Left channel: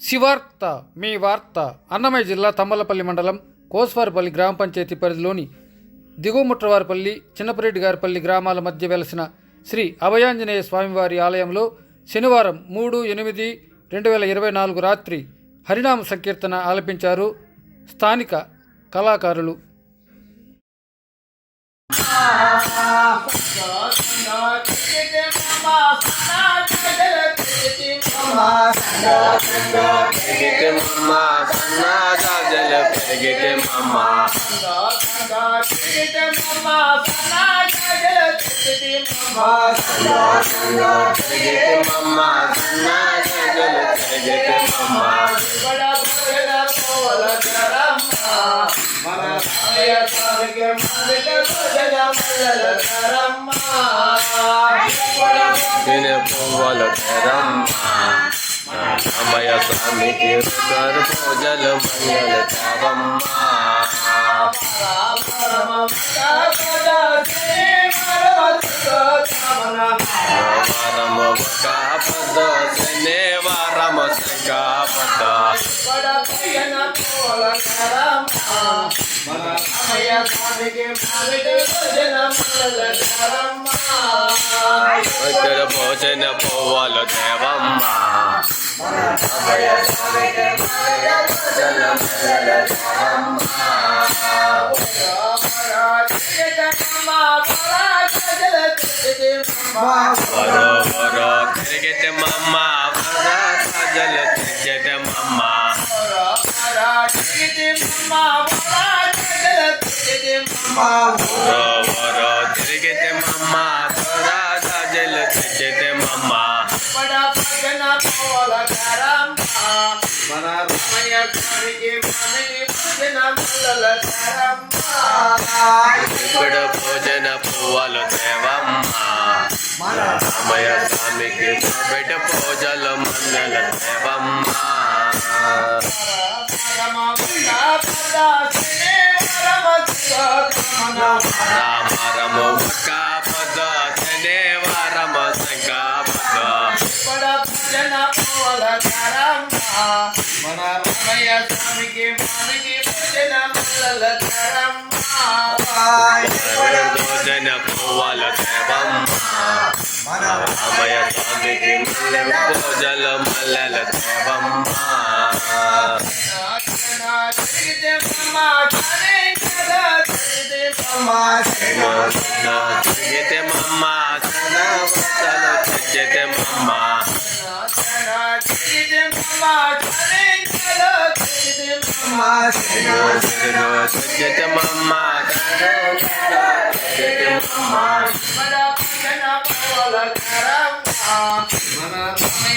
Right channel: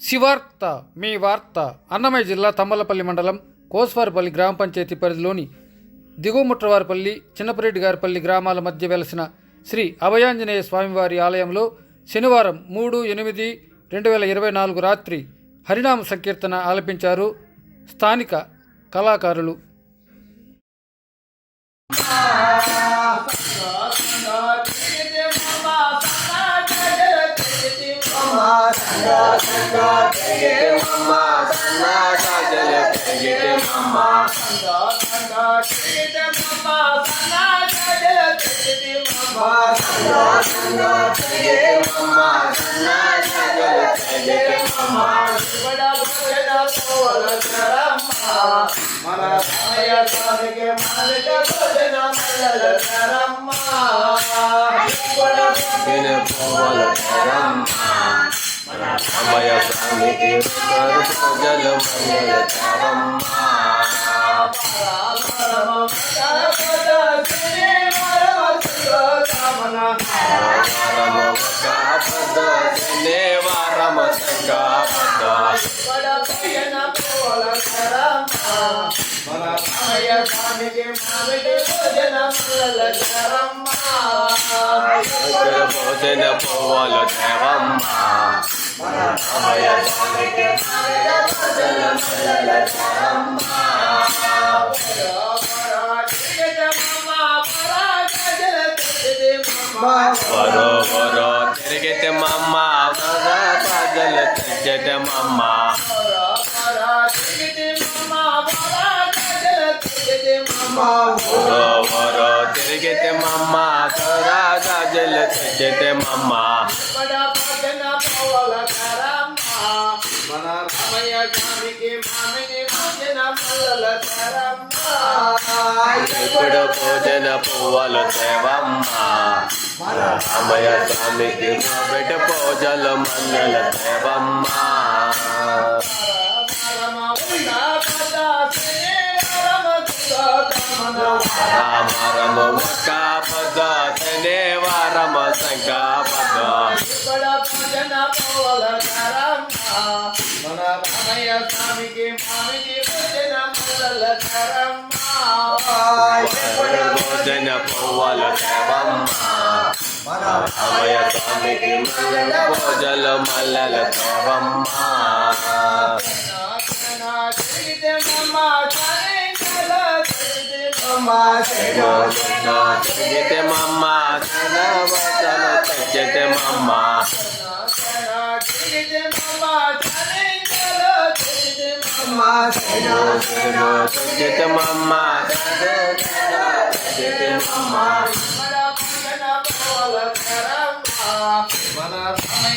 శివార్త మీ వార్త. అన్నమయ్య జిల్లా తమ్మలపల్లి మండలం కోస్వారిపల్లి గ్రామ పంచాయతీ పరిధిలోని దిగువముట్రవారిపల్లి, చిన్నపరెడ్డిగారిపల్లి గ్రామాల మధ్య వెలసిన శ్రీ అభయాంజనేయ స్వామివారి ఆలయంలో శనివారం 3/8/2024 రాత్రి హరినామ సంకీర్తన ఆలపించారు స్థానిక కళాకారులు. అమయ స్వామి తీర్థరు పూజల మంగళ చరమ్మా భోజన పోవల దేవమ్మా అభయ స్వామికి భోజన మంగళ చరమ్మా వరో వరో తిరిగితే మమ్మ ప్రజల తిరిగితే మమ్మ వరో వరో తిరిగితే మమ్మ తోరా గాజల తిరిగితే మమ్మ ఇప్పుడు భోజన పువ్వులు దేవమ్మా అమయ స్వామికి బిడ్డ పూజలు మంగళ దేవమ్మా రామ రమ కాపద శనే వారమ సంకాపద భోజన పువ్వుల దేవమ్మా అమయ స్వామికి పూజల మల్లల దేవమ్మా తిరిగితే మమ్మ చదవతల తెచ్చితే మమ్మ తెచ్చితే మమ్మ తెచ్చితే మమ్మ